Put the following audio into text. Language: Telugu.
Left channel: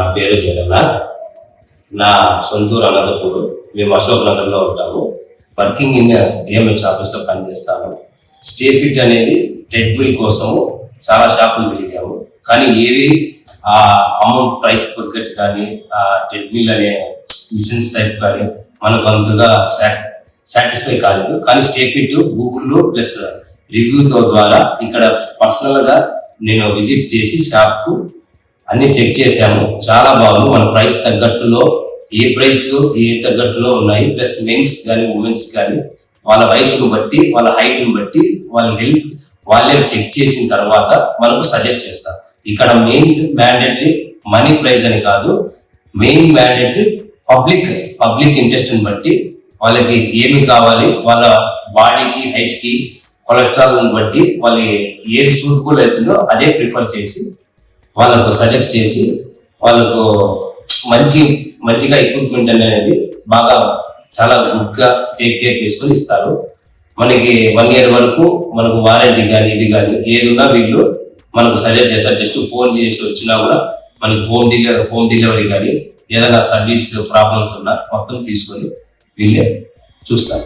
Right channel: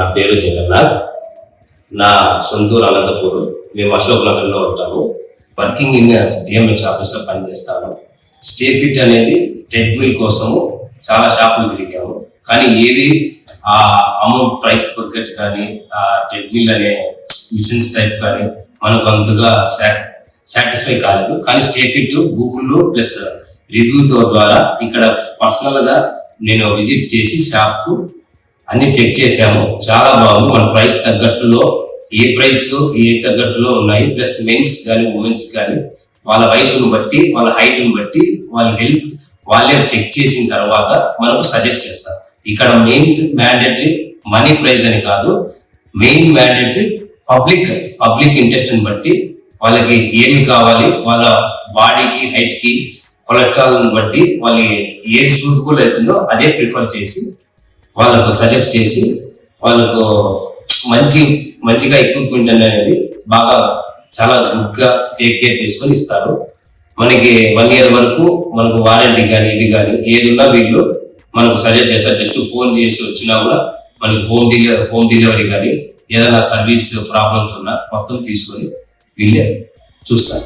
నా పేరు జగన్నాథ్. నా సొంతూరు అనంతపూర్. మేము అశోక్ నగర్లో ఉంటాము. వర్కింగ్ ఇన్ డిఎంహెచ్ ఆఫీస్లో పనిచేస్తాను. స్టే ఫిట్ అనేది ట్రెడ్మిల్ కోసము చాలా షాపులు తిరిగాము, కానీ ఏవి ఆ అమౌంట్ ప్రైస్ తగ్గట్టు కానీ ఆ ట్రెడ్మిల్ అనే మిషన్స్ టైప్ కానీ మనకు అంతగా సాటిస్ఫై కాలేదు. కానీ స్టే ఫిట్ గూగుల్లో ప్లస్ రివ్యూతో ద్వారా ఇక్కడ పర్సనల్గా నేను విజిట్ చేసి షాప్కు అన్ని చెక్ చేసాము. చాలా బాగుంది. మన ప్రైస్ తగ్గట్టులో ఏ ప్రైస్ ఏ తగ్గట్టులో ఉన్నాయి. ప్లస్ మెన్స్ కానీ ఉమెన్స్ కానీ వాళ్ళ వయసును బట్టి వాళ్ళ హైట్ని బట్టి వాళ్ళ హెల్త్ వాళ్ళే చెక్ చేసిన తర్వాత మనకు సజెస్ట్ చేస్తారు. ఇక్కడ మెయిన్ మ్యాండేటరీ మనీ ప్రైస్ అని కాదు, మెయిన్ మ్యాండేటరీ పబ్లిక్ ఇంట్రెస్ట్ని బట్టి వాళ్ళకి ఏమి కావాలి, వాళ్ళ బాడీకి హైట్కి కొలెస్ట్రాల్ని బట్టి వాళ్ళు ఏది సూటబుల్ అవుతుందో అదే ప్రిఫర్ చేసి వాళ్ళకు సజెస్ట్ చేసి వాళ్ళకు మంచిగా ఎక్విప్మెంట్ అనేది బాగా చాలా గుడ్గా టేక్ కేర్ తీసుకొని ఇస్తారు. మనకి 1 year వరకు మనకు వారంటీ కానీ ఇవి కానీ ఏది ఉన్నా వీళ్ళు మనకు సజెస్ట్ చేస్తారు. జస్ట్ ఫోన్ చేసి వచ్చినా కూడా మనకి హోమ్ డెలివరీ కానీ ఏదైనా సర్వీస్ ప్రాబ్లమ్స్ ఉన్నా మొత్తం తీసుకొని వీళ్ళే చూస్తారు.